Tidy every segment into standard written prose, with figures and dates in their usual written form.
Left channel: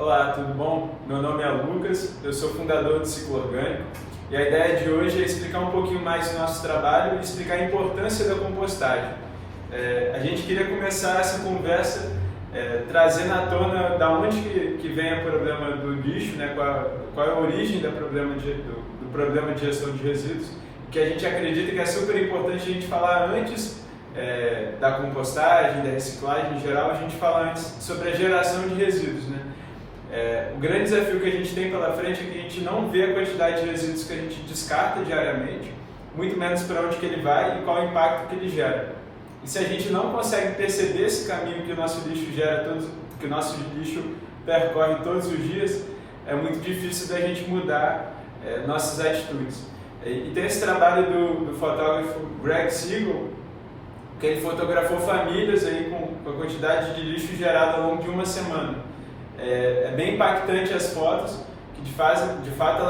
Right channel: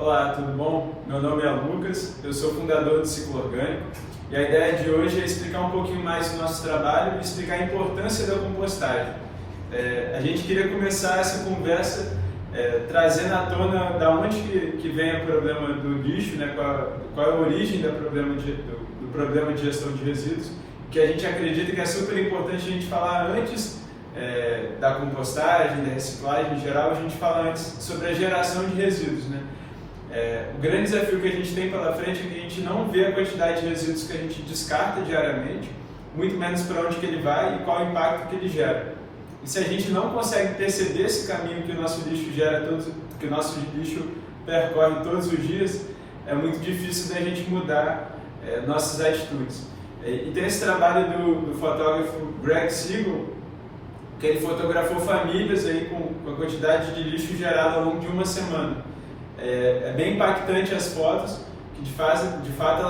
Olá, tudo bom? Meu nome é Lucas, eu sou fundador do Ciclo Orgânico e a ideia de hoje é explicar um pouquinho mais do nosso trabalho e explicar a importância da compostagem. A gente queria começar essa conversa trazendo à tona da onde que vem o problema do lixo, né? Qual é a origem do problema de gestão de resíduos, que a gente acredita que é super importante a gente falar antes da compostagem, da reciclagem em geral, a gente fala antes sobre a geração de resíduos, né? O grande desafio que a gente tem pela frente é que a gente não vê a quantidade de resíduos que a gente descarta diariamente, muito menos para onde que ele vai e qual o impacto que ele gera. E se a gente não consegue perceber esse caminho que o nosso lixo gera, que o nosso lixo percorre todos os dias, é muito difícil da gente mudar nossas atitudes. E tem esse trabalho do fotógrafo Greg Siegel, que ele fotografou famílias aí com a quantidade de lixo gerado ao longo de uma semana. É bem impactante as fotos, que de fato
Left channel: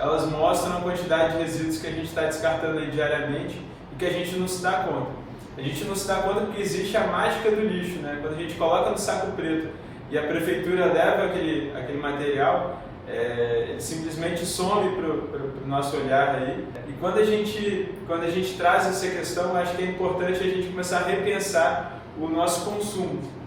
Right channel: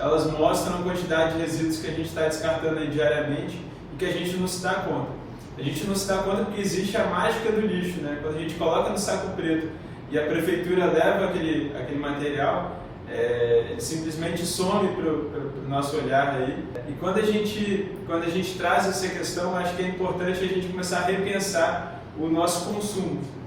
elas mostram a quantidade de resíduos que a gente está descartando aí diariamente e que a gente não se dá conta. A gente não se dá conta porque existe a mágica do lixo, né? Quando a gente coloca no saco preto e a prefeitura leva aquele material, ele simplesmente some para o nosso olhar aí. E quando a gente traz essa questão, acho que é importante a gente começar a repensar o nosso consumo.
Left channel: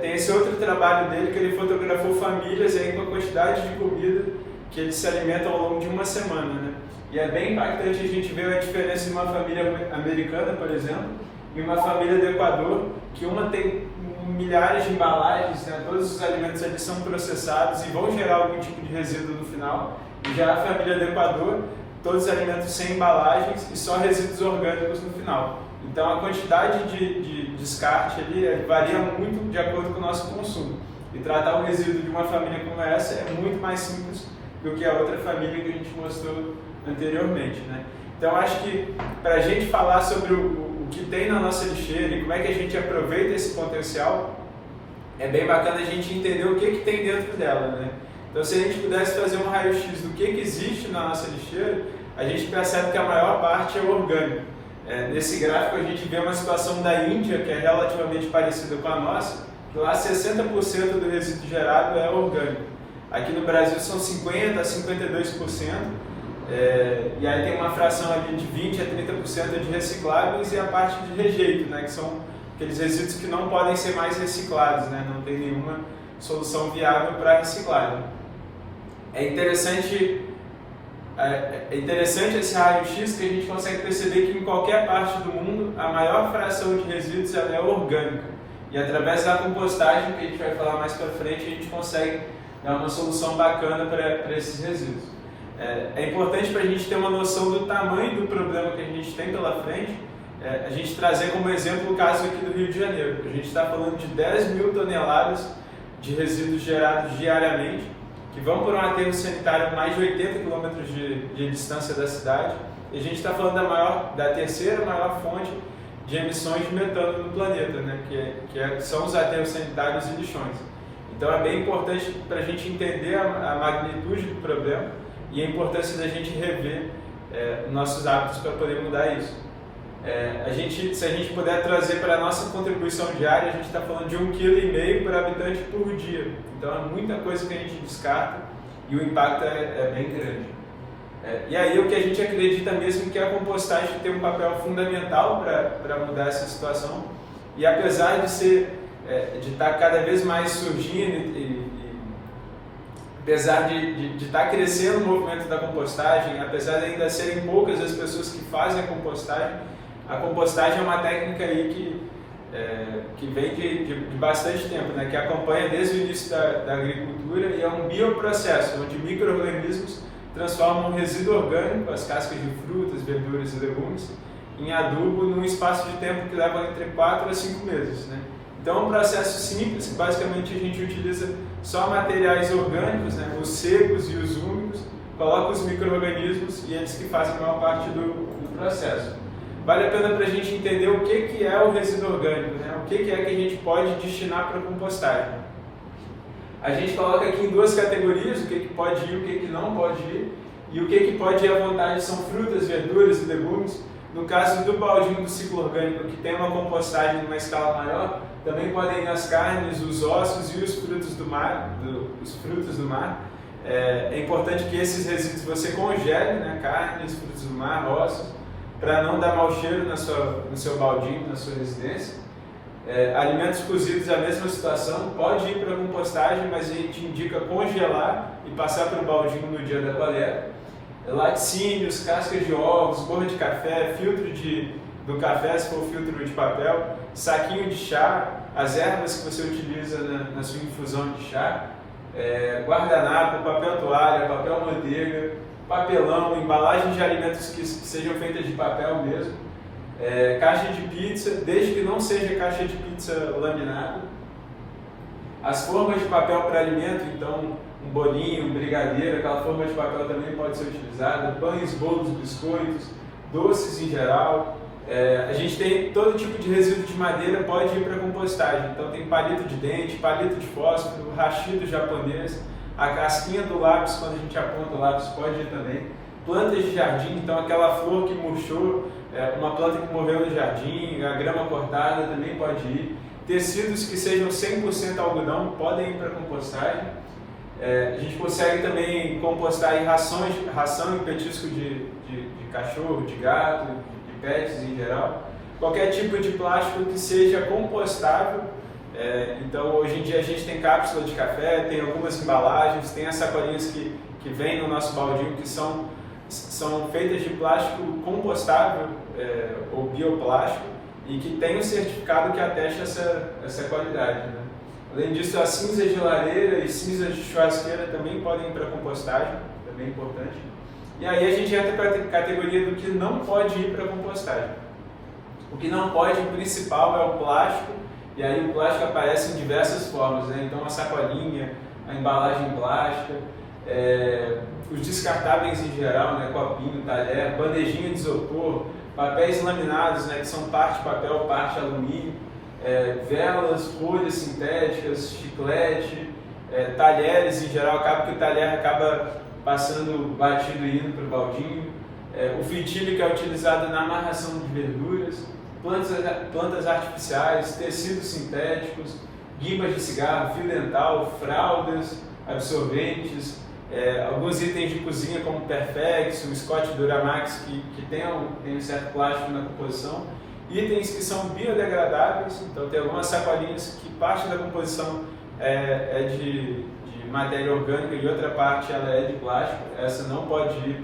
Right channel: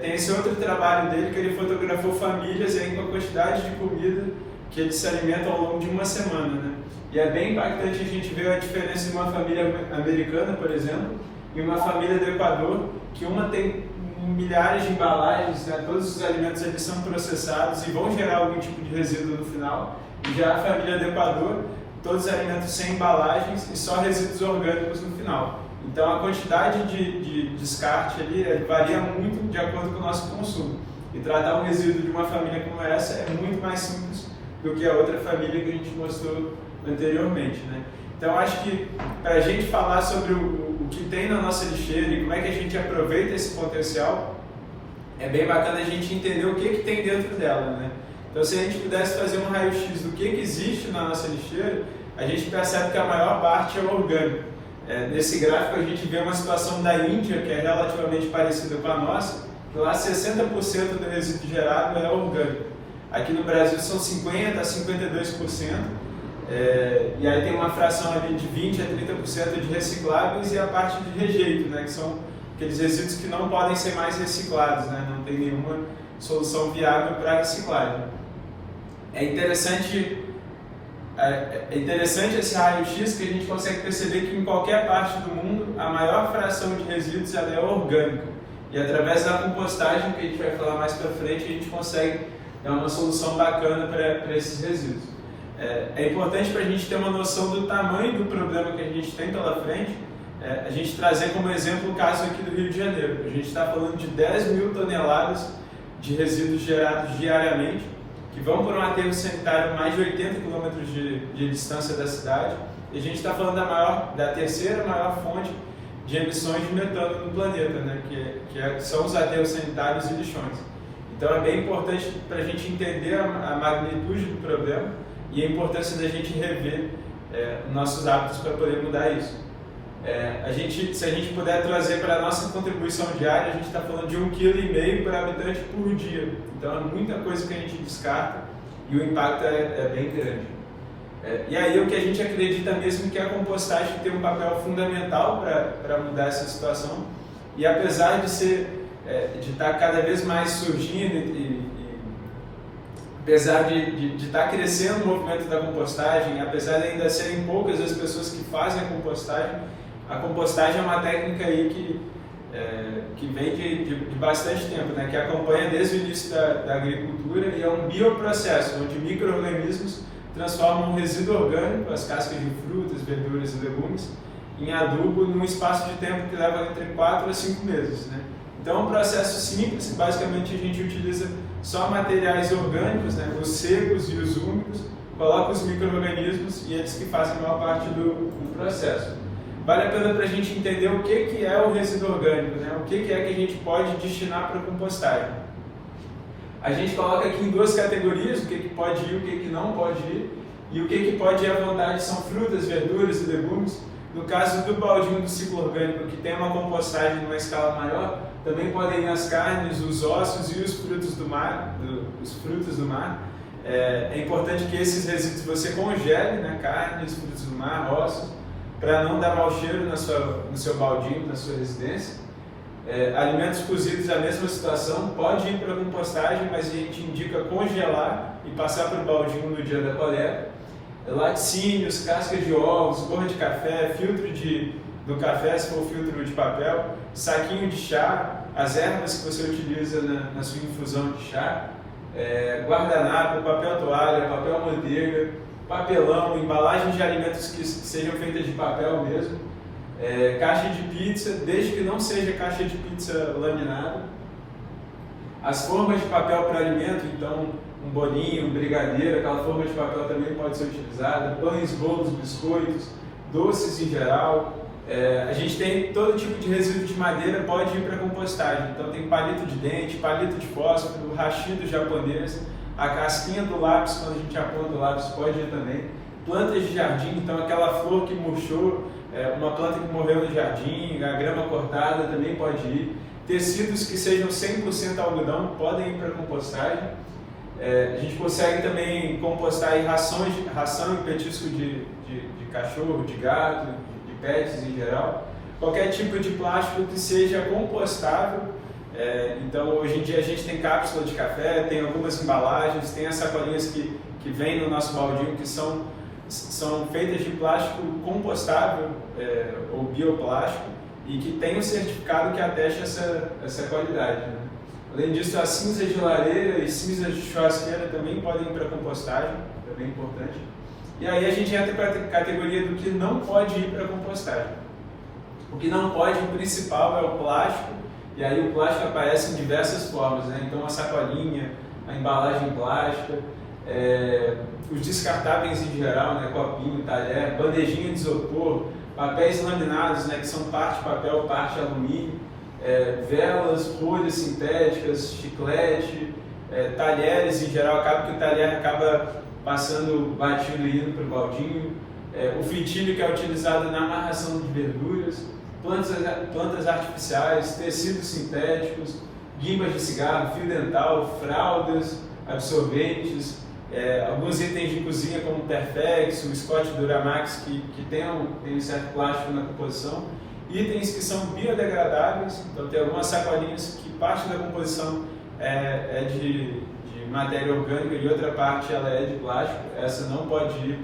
Tem esse outro trabalho dele que ele fotografou famílias aí com a quantidade de comida que eles se alimentam ao longo de uma semana, né? E é bem impactante a gente ver a diferença de uma família americana, por exemplo, e uma família do Equador, que uma tem milhares de embalagens, né? Todos os alimentos eles são processados e vão gerar algum tipo de resíduo no final. E já a família do Equador, todos os alimentos sem embalagens e só resíduos orgânicos no final. Então a quantidade de descarte ali varia muito de acordo com o nosso consumo. E tratar um resíduo de uma família como essa é muito mais simples do que a outra família que a gente mostrou anteriormente, né? Então acho que para a gente falar sobre o que tem na nossa lixeira e como é que a gente aproveita esse potencial, é bem bacana a gente entender o que tem dentro dela, né? Então se a gente pudesse fazer um raio-x do que existe na nossa lixeira, a gente percebe que a maior parte é orgânico. Nesse gráfico a gente vê uma situação da Índia que é relativamente parecida com a nossa, que lá 60% do resíduo gerado é orgânico. Aqui no Brasil são 50% a 52%, e aí tem uma fração ali de 20% a 30% de recicláveis e a parte de rejeito, né, que são aqueles resíduos que não podem ser mais reciclados, né, não tem nenhuma solução viável para reciclagem. É interessante esse raio-x que a gente consegue perceber que em qualquer parte do mundo a maior fração de resíduos ela é orgânica. E através da compostagem, que a gente vai falar mais para frente, a gente consegue dar uma solução bacana para esses resíduos. É importante para a gente ter uma noção do tamanho do problema que a gente tem pela frente, a gente trazer como exemplo o caso aqui do Rio de Janeiro. A gente está falando de 10 mil toneladas de resíduos gerados diariamente, que vão por um aterro sanitário a mais de 80 km de distância da cidade, e a gente está falando da terceira maior fonte de emissões de metano no planeta, né? que são os aterros sanitários e lixões. Então é bem importante para a gente entender a magnitude do problema e a importância da gente rever nossos hábitos para poder mudar isso. Se a gente puder trazer para a nossa contribuição diária, a gente está falando de 1,5 kg por habitante por dia. Então é muita coisa que a gente descarta e o impacto é bem grande. E aí o que a gente acredita mesmo que a compostagem tem um papel fundamental para mudar essa situação. E apesar de estar cada vez mais surgindo apesar de estar crescendo o movimento da compostagem, apesar de ainda serem poucas as pessoas que fazem a compostagem é uma técnica aí que vem de bastante tempo, né? Que acompanha desde o início da agricultura e é um bioprocesso, onde micro-organismos transformam um resíduo orgânico, as cascas de frutas, verduras e legumes, em adubo num espaço de tempo que leva entre 4 a 5 meses, né? Então é um processo simples, basicamente a gente utiliza só materiais orgânicos, né? Os secos e os úmidos, coloca os micro-organismos e eles que fazem a maior parte do processo. Vale a pena para a gente entender o que é o resíduo orgânico, né? O que é que a gente pode destinar para a compostagem. A gente coloca aqui em duas categorias, o que pode ir e o que não pode ir, e o que pode ir à vontade são frutas, verduras e legumes. No caso do baldinho do ciclo orgânico, que tem uma compostagem numa escala maior, também podem ir as carnes, os ossos e os frutos do mar. É importante que esses resíduos você congele, né? Carnes, frutos do mar, ossos, para não dar mau cheiro no seu baldinho, na sua residência. Alimentos cozidos, a mesma situação, pode ir para a compostagem, mas a gente indica congelar e passar para o baldinho no dia da coleta. Laticínios, casca de ovos, borra de café, filtro do café, se for filtro de papel, saquinho de chá, as ervas que você utiliza na sua infusão de chá, guardanapo, papel toalha, papel manteiga, papelão, embalagens de alimentos que sejam feitas de papel mesmo, caixa de pizza, desde que não seja caixa de pizza laminada, as formas de papel para alimento, então um bolinho, um brigadeiro, aquela forma de papel também pode ser utilizada, pães, bolos, biscoitos, doces em geral. A gente tem todo tipo de resíduo de madeira, pode ir para a compostagem. Então tem palito de dente, palito de fósforo, hashi japonês, a casquinha do lápis, quando a gente aponta o lápis, pode ir também. Plantas de jardim, então aquela flor que murchou, uma planta que morreu no jardim, a grama cortada também pode ir. Tecidos que sejam 100% algodão podem ir para a compostagem. A gente consegue também compostar em ração e petisco de cachorro, de gato, de pets em geral. Qualquer tipo de plástico que seja compostável. Então, hoje em dia a gente tem cápsula de café, tem algumas embalagens, tem as sacolinhas que vêm no nosso baldinho que são feitas de plástico compostável ou bioplástico e que tem um certificado que atesta essa qualidade, né? Além disso, as cinzas de lareira e cinzas de churrasqueira também podem ir para a compostagem, também é importante. E aí a gente entra para a categoria do que não pode ir para a compostagem. O que não pode, o principal, é o plástico, e aí o plástico aparece em diversas formas, né? Então a sacolinha, a embalagem plástica, os descartáveis em geral, né? Copinho, talher, bandejinha de isopor, papéis laminados, né? Que são parte papel, parte alumínio, velas, folhas sintéticas, chiclete, talheres em geral, acaba que o talher acaba passando batido e indo para o baldinho, o fitilho que é utilizado na amarração de verduras, plantas artificiais, tecidos sintéticos, guimbas de cigarro, fio dental, fraldas, absorventes, alguns itens de cozinha como Perfex, o Scott Duramax que tem um certo plástico na composição, itens que são biodegradáveis, então tem algumas sacolinhas que parte da composição é de matéria orgânica e outra parte ela é de plástico, essa não pode ir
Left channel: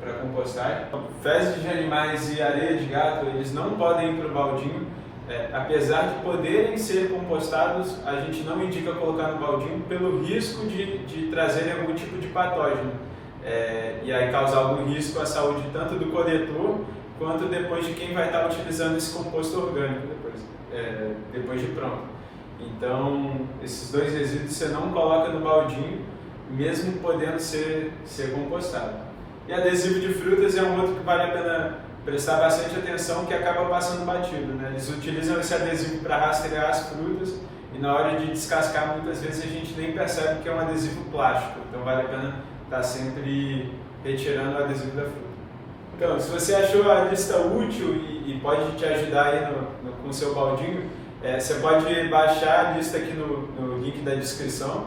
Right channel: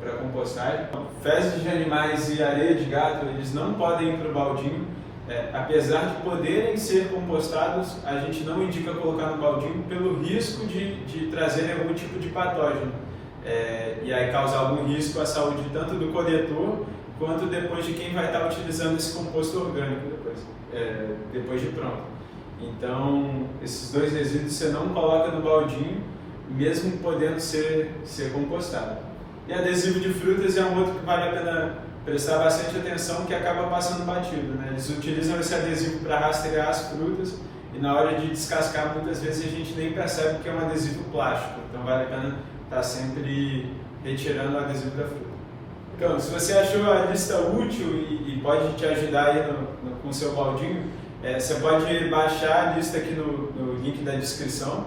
para compostagem. Fezes de animais e areia de gato, eles não podem ir para o baldinho, apesar de poderem ser compostados, a gente não indica colocar no baldinho pelo risco de trazerem algum tipo de patógeno, e aí causar algum risco à saúde tanto do coletor quanto depois de quem vai estar utilizando esse composto orgânico depois de pronto. Então, esses dois resíduos você não coloca no baldinho, mesmo podendo ser compostado. E adesivo de frutas é um outro que vale a pena prestar bastante atenção, que acaba passando batido, né? Eles utilizam esse adesivo para rastrear as frutas e na hora de descascar muitas vezes a gente nem percebe que é um adesivo plástico, então vale a pena estar sempre retirando o adesivo da fruta. Então, se você achou a lista útil e pode te ajudar aí com o seu baldinho, você pode baixar a lista aqui no link da descrição.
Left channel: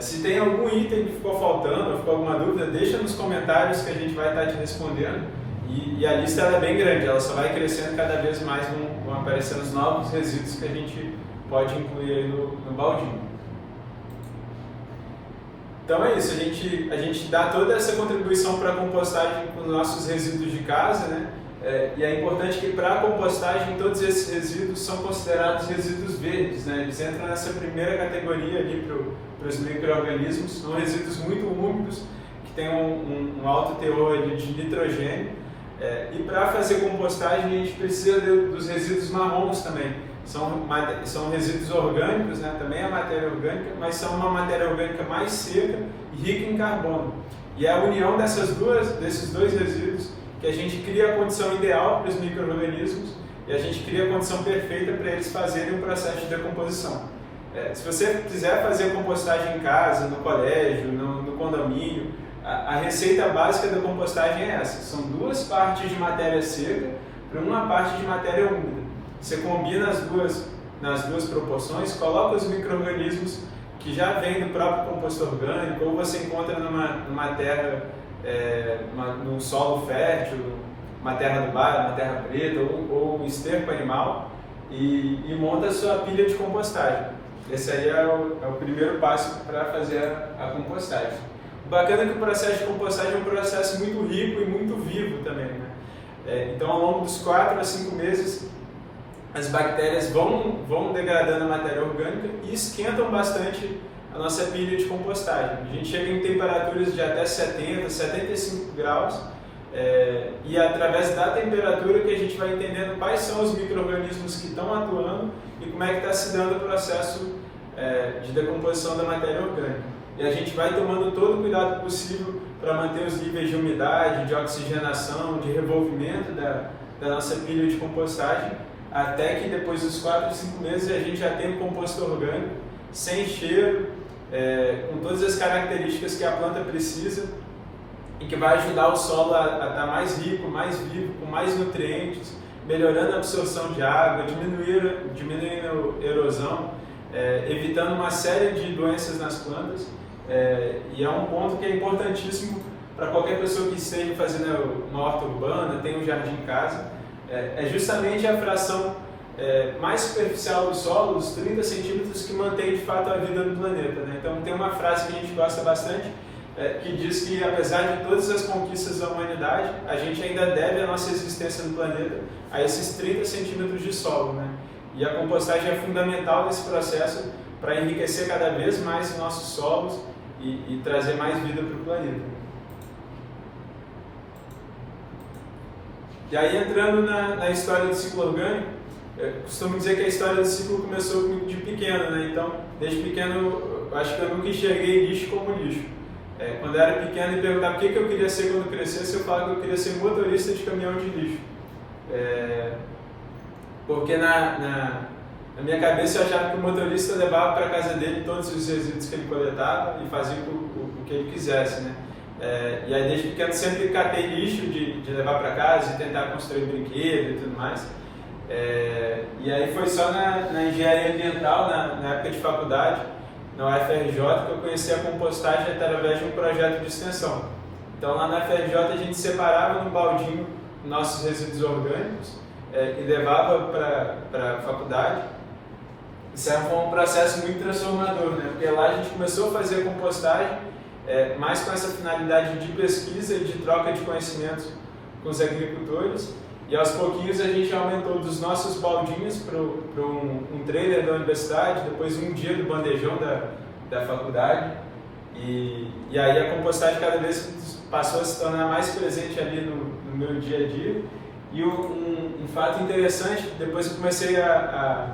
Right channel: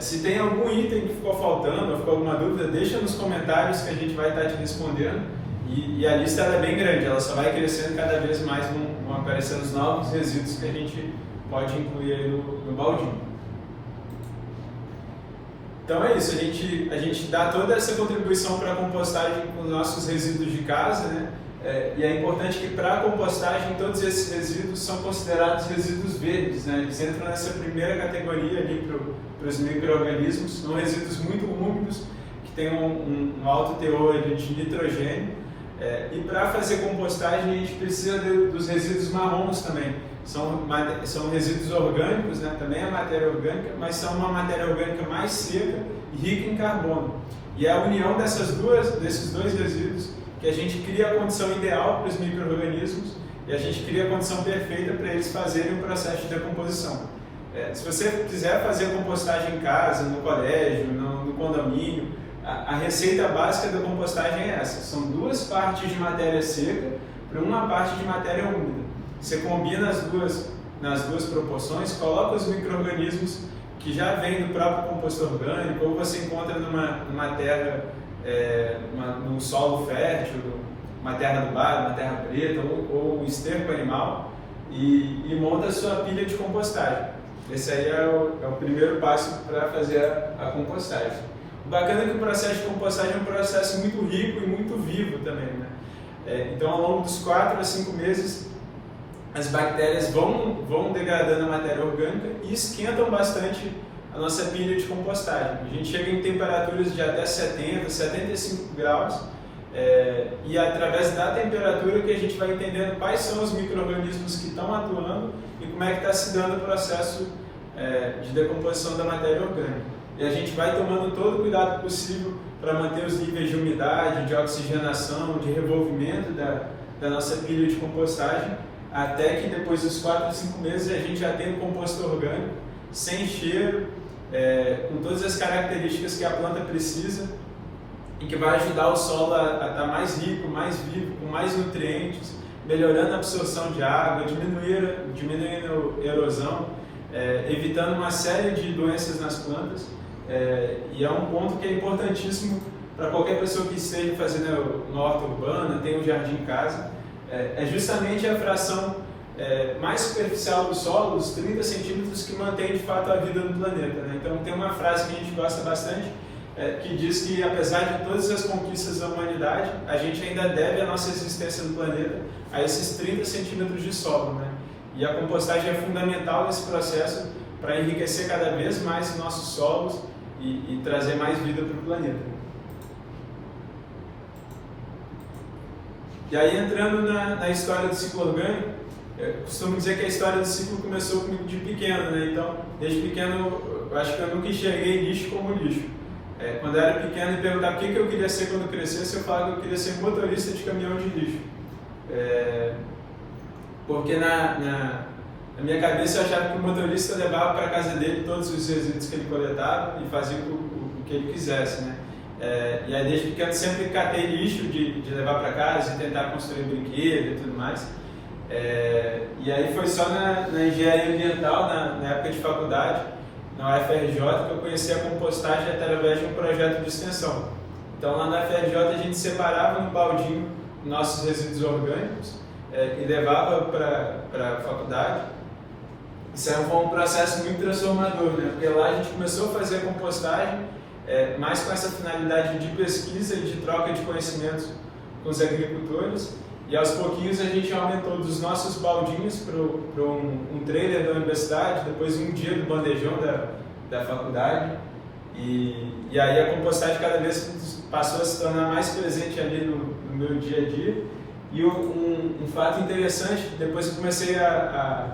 Se tem algum item que ficou faltando ou ficou alguma dúvida, deixa nos comentários que a gente vai estar te respondendo. E a lista é bem grande, ela só vai crescendo cada vez mais, vão aparecendo os novos resíduos que a gente pode incluir aí no baldinho. Então é isso, a gente dá toda essa contribuição para a compostagem com os nossos resíduos de casa, né? E é importante que para a compostagem todos esses resíduos são considerados resíduos verdes, né? Eles entram nessa primeira categoria ali para os micro-organismos, são resíduos muito úmidos, que têm um alto teor ali de nitrogênio. E para fazer compostagem a gente precisa dos resíduos marrons também. São resíduos orgânicos, né? Também é matéria orgânica, mas são uma matéria orgânica mais seca e rica em carbono. E é a união desses dois resíduos que a gente cria a condição ideal para os micro-organismos e a gente cria a condição perfeita para eles fazerem o processo de decomposição. Se você quiser fazer a compostagem em casa, no colégio, no condomínio, a receita básica da compostagem é essa. São 2 partes de matéria seca para uma parte de matéria úmida. Você combina as duas nas duas proporções, coloca os micro-organismos que já vêm do próprio composto orgânico, ou você encontra numa terra, num solo fértil, uma terra adubada, uma terra preta, ou um esterco animal, e monta a sua pilha de compostagem. Esse aí é o primeiro passo para fazer a compostagem. O bacana é que o processo de compostagem é um processo muito rico e muito vivo também, né? Então, ao longo dos 4 a 5 meses, as bactérias vão degradando a matéria orgânica e esquentam bastante a nossa pilha de compostagem. A gente chega em temperaturas de até 70, 75 graus, e através da temperatura que a gente vai entendendo quais são os micro-organismos que estão atuando e como é que está se dando o processo de decomposição da matéria orgânica. E a gente vai tomando todo o cuidado possível para manter os níveis de umidade, de oxigenação, de revolvimento da nossa pilha de compostagem, até que depois dos 4 a 5 meses a gente já tem um composto orgânico, sem cheiro, com todas as características que a planta precisa e que vai ajudar o solo a estar mais rico, mais vivo, com mais nutrientes, melhorando a absorção de água, diminuindo a erosão, evitando uma série de doenças nas plantas. E é um ponto que é importantíssimo para qualquer pessoa que esteja fazendo na horta urbana, tem um jardim em casa. É justamente a fração mais superficial do solo, os 30 centímetros, que mantém de fato a vida no planeta, né? Então tem uma frase que a gente gosta bastante, que diz que apesar de todas as conquistas da humanidade, a gente ainda deve a nossa existência no planeta a esses 30 centímetros de solo, né? E a compostagem é fundamental nesse processo para enriquecer cada vez mais nossos solos e trazer mais vida para o planeta. E aí, entrando na história do ciclo orgânico, eu costumo dizer que a história do ciclo começou comigo de pequeno, né? Então, desde pequeno, eu acho que eu nunca enxerguei lixo como lixo. Quando eu era pequeno e perguntava o que eu queria ser quando crescesse, eu falava que eu queria ser motorista de caminhão de lixo. Porque na minha cabeça eu achava que o motorista levava para a casa dele todos os resíduos que ele coletava e fazia o que ele quisesse, né? E aí desde pequeno sempre catei lixo de levar para casa e tentar construir brinquedo e tudo mais. E aí foi só na engenharia ambiental, na época de faculdade, na UFRJ, que eu conheci a compostagem através de um projeto de extensão. Então lá na UFRJ a gente separava um baldinho nossos resíduos orgânicos e levava para a faculdade. Isso foi um processo muito transformador, né? Porque lá a gente começou a fazer a compostagem mais com essa finalidade de pesquisa e de troca de conhecimentos com os agricultores, e aos pouquinhos a gente aumentou dos nossos baldinhos para um trailer da universidade, depois um dia do bandejão da faculdade, e aí a compostagem cada vez passou a se tornar mais presente ali no meu dia a dia. E um fato interessante, depois eu comecei a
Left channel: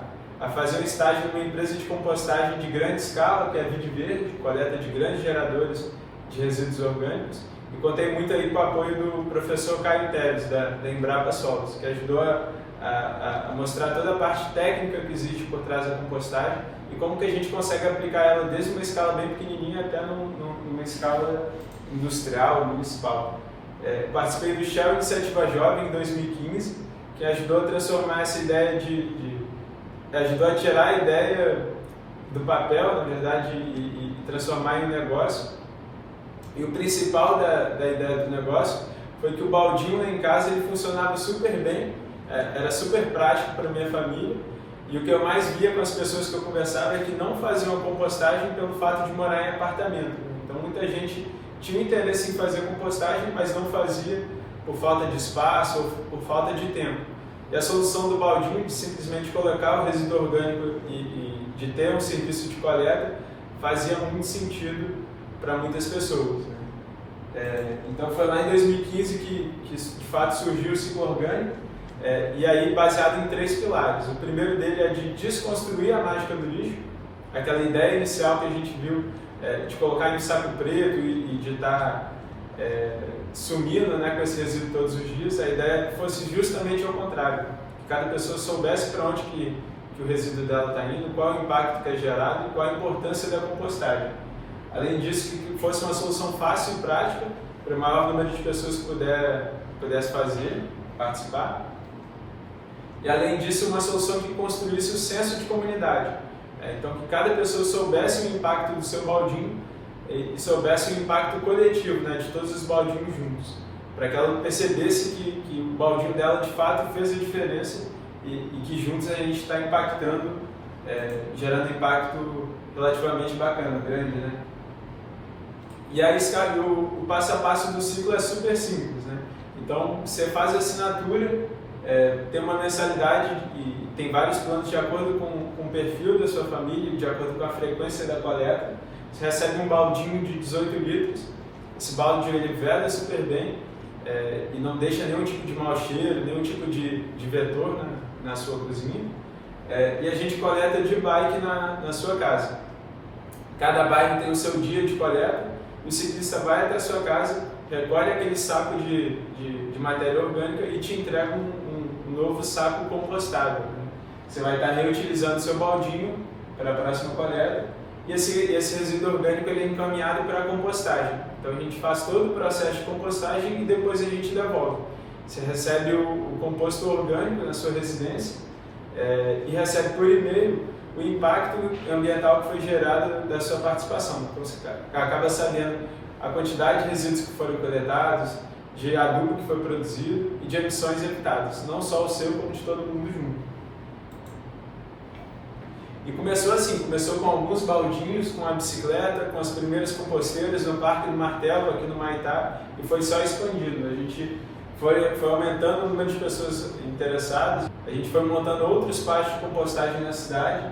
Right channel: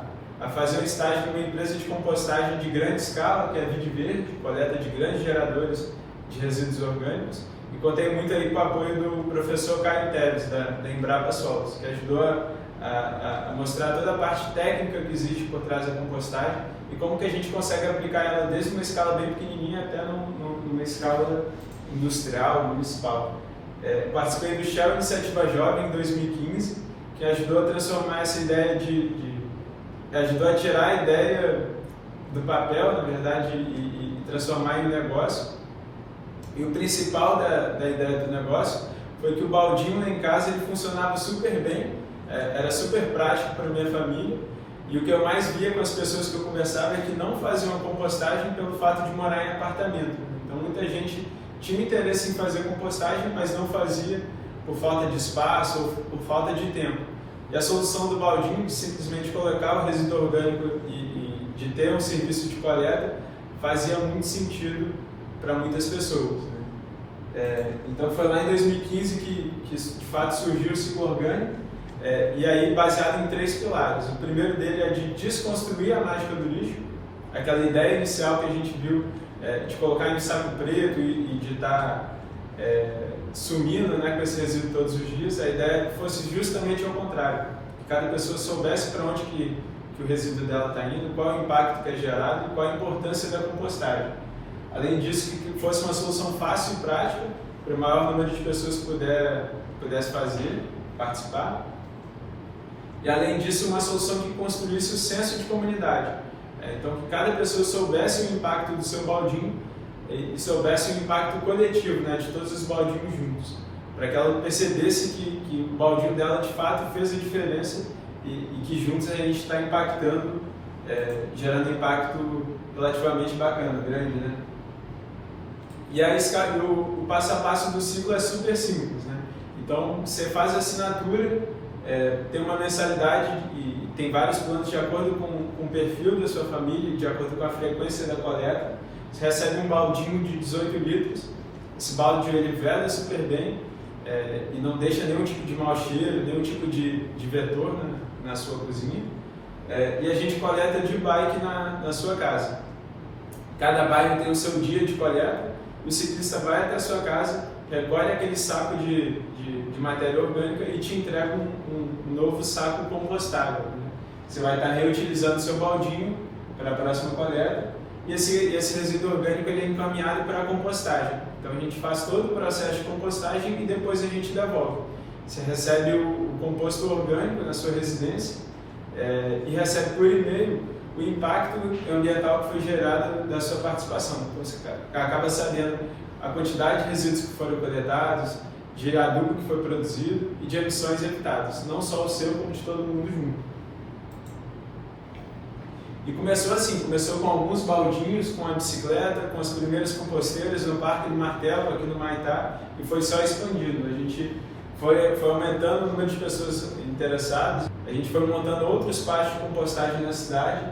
fazer um estágio numa empresa de compostagem de grande escala, que é a Vide Verde, coleta de grandes geradores de resíduos orgânicos, e contei muito aí com o apoio do professor Caio Teles, da Embrapa Solos, que ajudou a mostrar toda a parte técnica que existe por trás da compostagem e como que a gente consegue aplicar ela desde uma escala bem pequenininha até numa escala industrial, municipal. Participei do Shell Iniciativa Jovem em 2015, que ajudou a transformar essa ideia ajudou a tirar a ideia do papel, na verdade, e transformar em negócio. E o principal da ideia do negócio foi que o baldinho lá em casa ele funcionava super bem, era super prático para a minha família, e o que eu mais via com as pessoas que eu conversava é que não faziam a compostagem pelo fato de morar em apartamento. Então muita gente tinha interesse em fazer compostagem, mas não fazia por falta de espaço ou por falta de tempo. E a solução do baldinho, de simplesmente colocar o resíduo orgânico e de ter um serviço de coleta, fazia muito sentido para muitas pessoas, né? Então foi lá em 2015 que de fato surgiu o ciclo orgânico, e aí baseado em 3 pilares. O primeiro dele é de desconstruir a mágica do lixo, aquela ideia inicial que a gente viu de colocar em um saco preto e de estar sumindo, né, com esse resíduo todos os dias. A ideia é que fosse justamente ao contrário, que cada pessoa soubesse para onde que o resíduo dela está indo, qual é o impacto que é gerado e qual a importância da compostagem. Além disso, que fosse uma solução fácil e prática para o maior número de pessoas que pudesse fazer, participar. e além disso uma solução que construísse o senso de comunidade. Então que cada pessoa soubesse o impacto do seu baldinho e soubesse o impacto coletivo, né, de todos os baldinhos juntos, para que ela percebesse que o baldinho dela de fato fez a diferença e que juntos a gente está impactando, gerando impacto relativamente bacana, grande, né? E aí o passo a passo do ciclo é super simples, né? Então você faz a assinatura, tem uma mensalidade e tem vários planos de acordo com o perfil da sua família, de acordo com a frequência da coleta. Você recebe um baldinho de 18 litros, esse balde ele vela super bem e não deixa nenhum tipo de mau cheiro, nenhum tipo de vetor, né, na sua cozinha. E a gente coleta de bike na sua casa. Cada bairro tem o seu dia de coleta, o ciclista vai até a sua casa, recolhe aquele saco de matéria orgânica e te entrega um novo saco compostável. Você vai estar reutilizando o seu baldinho para a próxima coleta e esse resíduo orgânico ele é encaminhado para a compostagem. Então a gente faz todo o processo de compostagem e depois a gente devolve. Você recebe o composto orgânico na sua residência e recebe por e-mail o impacto ambiental que foi gerado da sua participação. Então você acaba sabendo a quantidade de resíduos que foram coletados, de adubo que foi produzido e de emissões evitadas, não só o seu, como de todo mundo junto. E começou assim, começou com alguns baldinhos, com a bicicleta, com as primeiras composteiras no Parque do Martelo, aqui no Maitá, e foi só expandindo. A gente foi aumentando o número de pessoas interessadas, a gente foi montando outros parques de compostagem na cidade,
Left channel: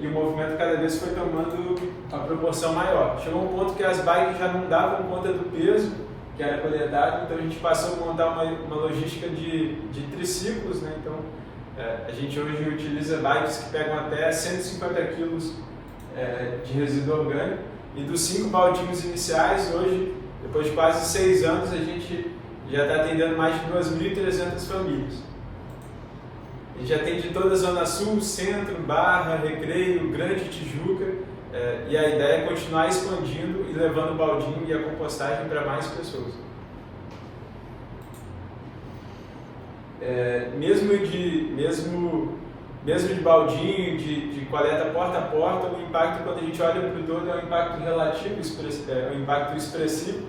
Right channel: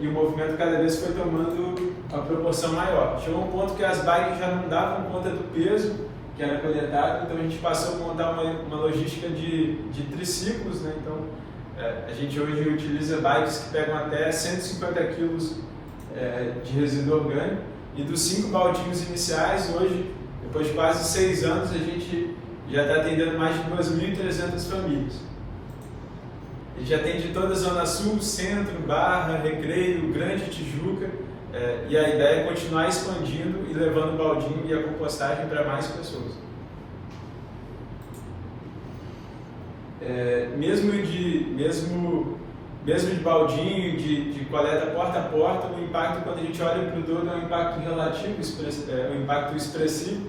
e o movimento cada vez foi tomando uma proporção maior. Chegou um ponto que as bikes já não davam conta do peso que era coletado, então a gente passou a montar uma logística de triciclos, né? Então a gente hoje utiliza bikes que pegam até 150 kg de resíduo orgânico, e dos 5 baldinhos iniciais, hoje, depois de quase 6 anos, a gente já está atendendo mais de 2.300 famílias. A gente atende toda a Zona Sul, Centro, Barra, Recreio, Grande Tijuca, e a ideia é continuar expandindo e levando o baldinho e a compostagem para mais pessoas. Mesmo de baldinho, de coleta porta a porta, o impacto, quando a gente olha para o todo, é um impacto relativo, um impacto expressivo.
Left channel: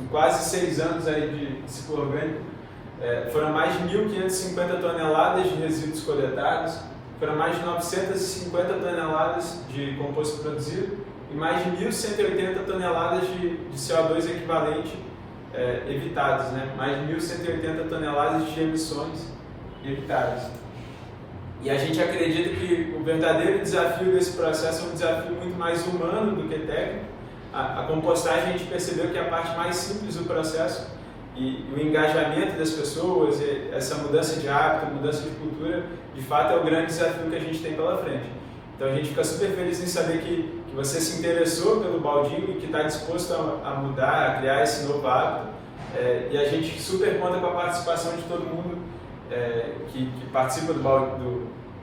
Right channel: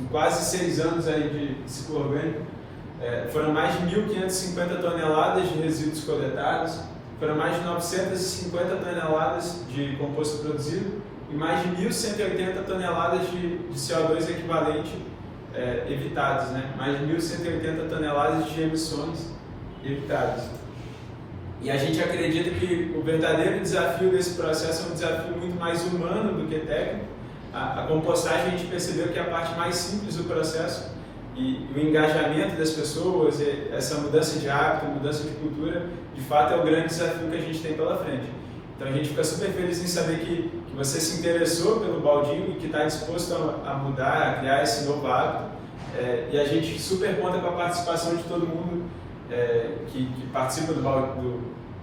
Em quase 6 anos aí de ciclo orgânico, foram mais de 1.550 toneladas de resíduos coletados, foram mais de 950 toneladas de composto produzido e mais de 1.180 toneladas de CO2 equivalente evitados, né? Mais de 1.180 toneladas de emissões evitadas. E a gente acredita que o verdadeiro desafio desse processo é um desafio muito mais humano do que técnico. A compostagem, a gente percebeu que é a parte mais simples do processo, e o engajamento das pessoas, essa mudança de hábito, mudança de cultura, de fato é o grande desafio que a gente tem pela frente. Então a gente fica super feliz em saber que você se interessou pelo baldinho e que está disposto a mudar, a criar esse novo hábito, e a gente super conta com a participação de todo mundo que participa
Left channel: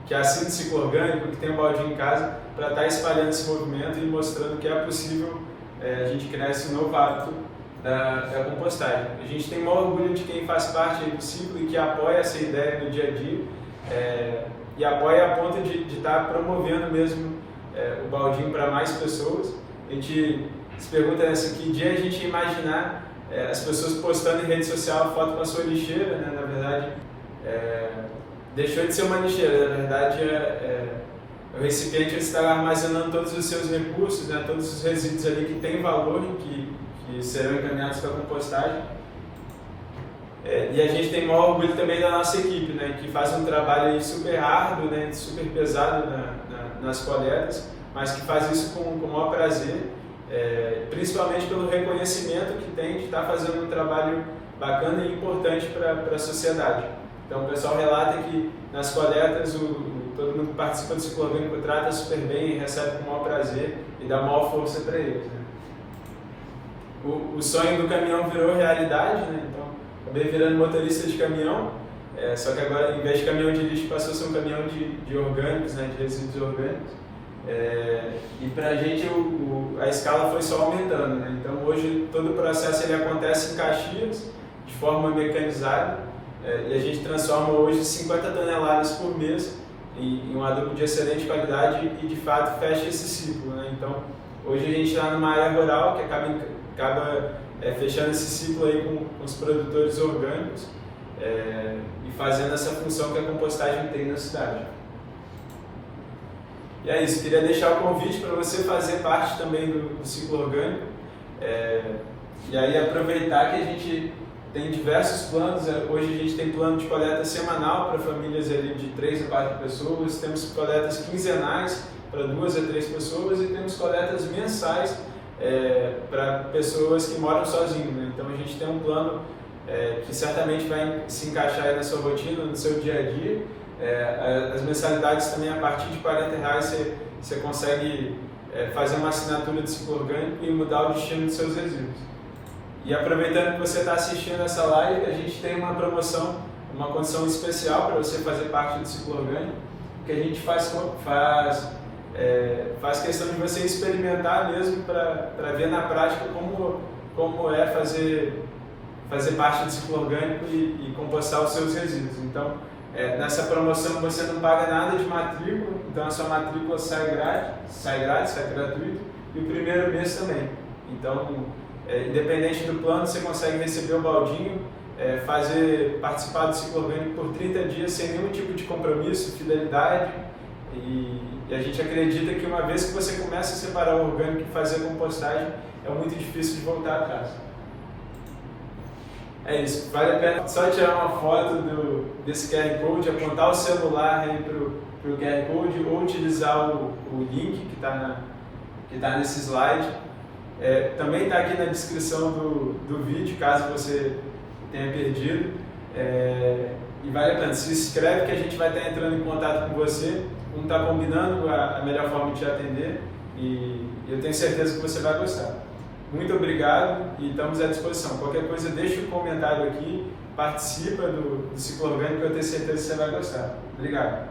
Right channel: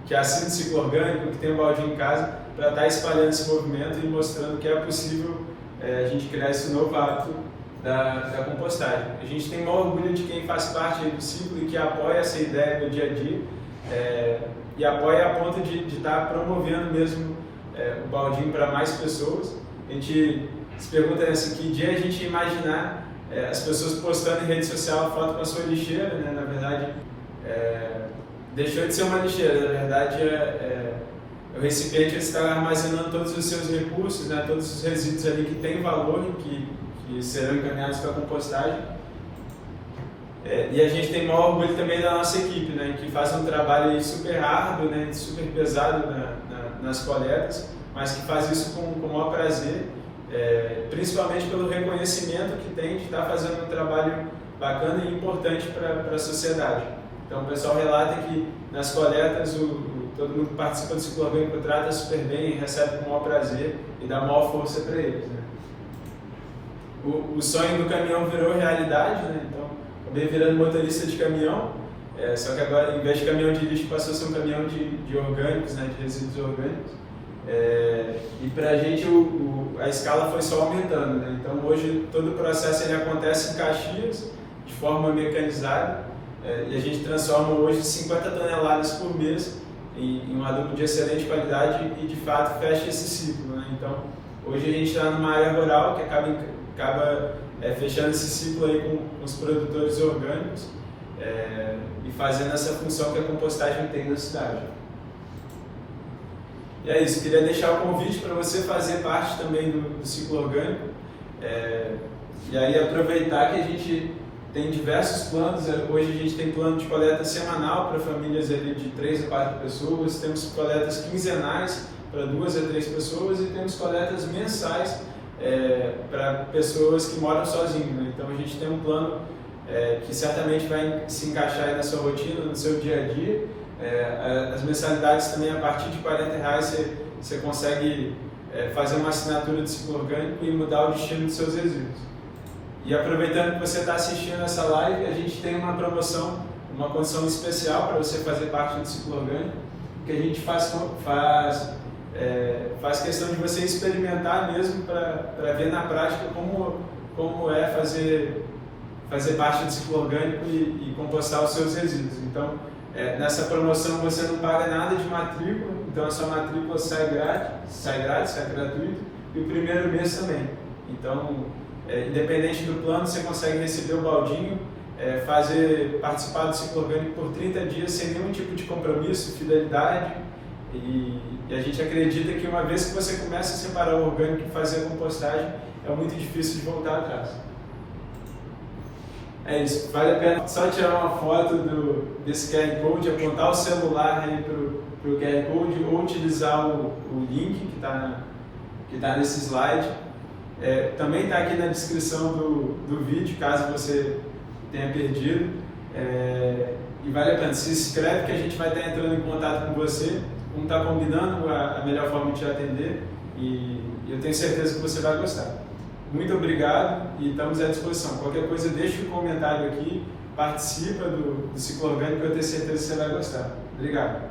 que assina o ciclo orgânico, que tem um baldinho em casa, para estar espalhando esse movimento e mostrando que é possível a gente criar esse novo hábito da compostagem. A gente tem o maior orgulho de quem faz parte do ciclo e que apoia essa ideia no dia a dia, e apoia a ponto de estar promovendo mesmo o baldinho para mais pessoas. A gente se pergunta que dia a gente ia imaginar as pessoas postando em rede social a foto com a sua lixeira, né? Na verdade, deixou de ser uma lixeira, na verdade o recipiente que está armazenando todos os seus recursos, né? Todos os resíduos ali que têm valor e que serão encaminhados para a compostagem. E a gente tem o maior orgulho também da nossa equipe, né, que faz um trabalho super árduo, né, super pesado nas coletas, mas que faz isso com o maior prazer, principalmente pelo reconhecimento que tem de estar fazendo um trabalho bacana e importante para a sociedade. Então o pessoal relata que nas coletas todo mundo que participa do ciclo orgânico trata super bem, recebe com o maior prazer e dá maior força para eles, né. O sonho do caminhão virou realidade, né? Então acabei virando motorista de caminhão, só que agora, em vez de caminhão de lixo, passou a ser um caminhão de orgânicos, né? De resíduos orgânicos. E para a gente a escala foi só aumentando, né? Então hoje todo o processo ele acontece em Caxias, de forma mecanizada, e a gente transforma hoje 50 toneladas por mês em um adubo de excelente qualidade e de fato fecha esse ciclo, né? Então hoje a gente está numa área rural que acaba fechando esse ciclo aí com os produtores orgânicos e fazendo essa função que a compostagem tem na cidade. E é isso, queria deixar o convite para você fazer parte também do ciclo orgânico e aí aproveitar que a gente tem diversos planos. Hoje a gente tem plano de coleta semanal para famílias ali de 3 a 4 pessoas, temos coletas quinzenais para 2 a 3 pessoas e temos coletas mensais para pessoas que moram sozinhos, né? Então a gente tem um plano que certamente vai se encaixar aí na sua rotina, no seu dia a dia. As mensalidades também, a partir de R$40 você consegue fazer uma assinatura de ciclo orgânico e mudar o destino dos seus resíduos. E aproveitando que você está assistindo essa live, a gente tem uma promoção, uma condição especial para você fazer parte do ciclo orgânico, que a gente faz questão de você experimentar mesmo para ver na prática como é fazer parte do ciclo orgânico e compostar os seus resíduos. Então, nessa promoção você não paga nada de matrícula, então a sua matrícula sai gratuito, e o primeiro mês também. Então, independente do plano, você consegue receber o baldinho, participar do ciclo orgânico por 30 dias sem nenhum tipo de compromisso, fidelidade, e a gente acredita que uma vez que você começa a separar o orgânico e fazer a compostagem, é muito difícil de voltar atrás. É isso, vale a pena só tirar uma foto desse QR Code, apontar o celular aí para o QR Code ou utilizar o link que está nesse slide. Também está aqui na descrição do vídeo, caso você tenha perdido. E vale a pena, se inscreve que a gente vai estar entrando em contato com você, vamos estar combinando a melhor forma de te atender e eu tenho certeza que você vai gostar. Muito obrigado e estamos à disposição. Qualquer coisa, deixa um comentário aqui, participa do ciclo orgânico, eu tenho certeza que você vai gostar. Obrigado.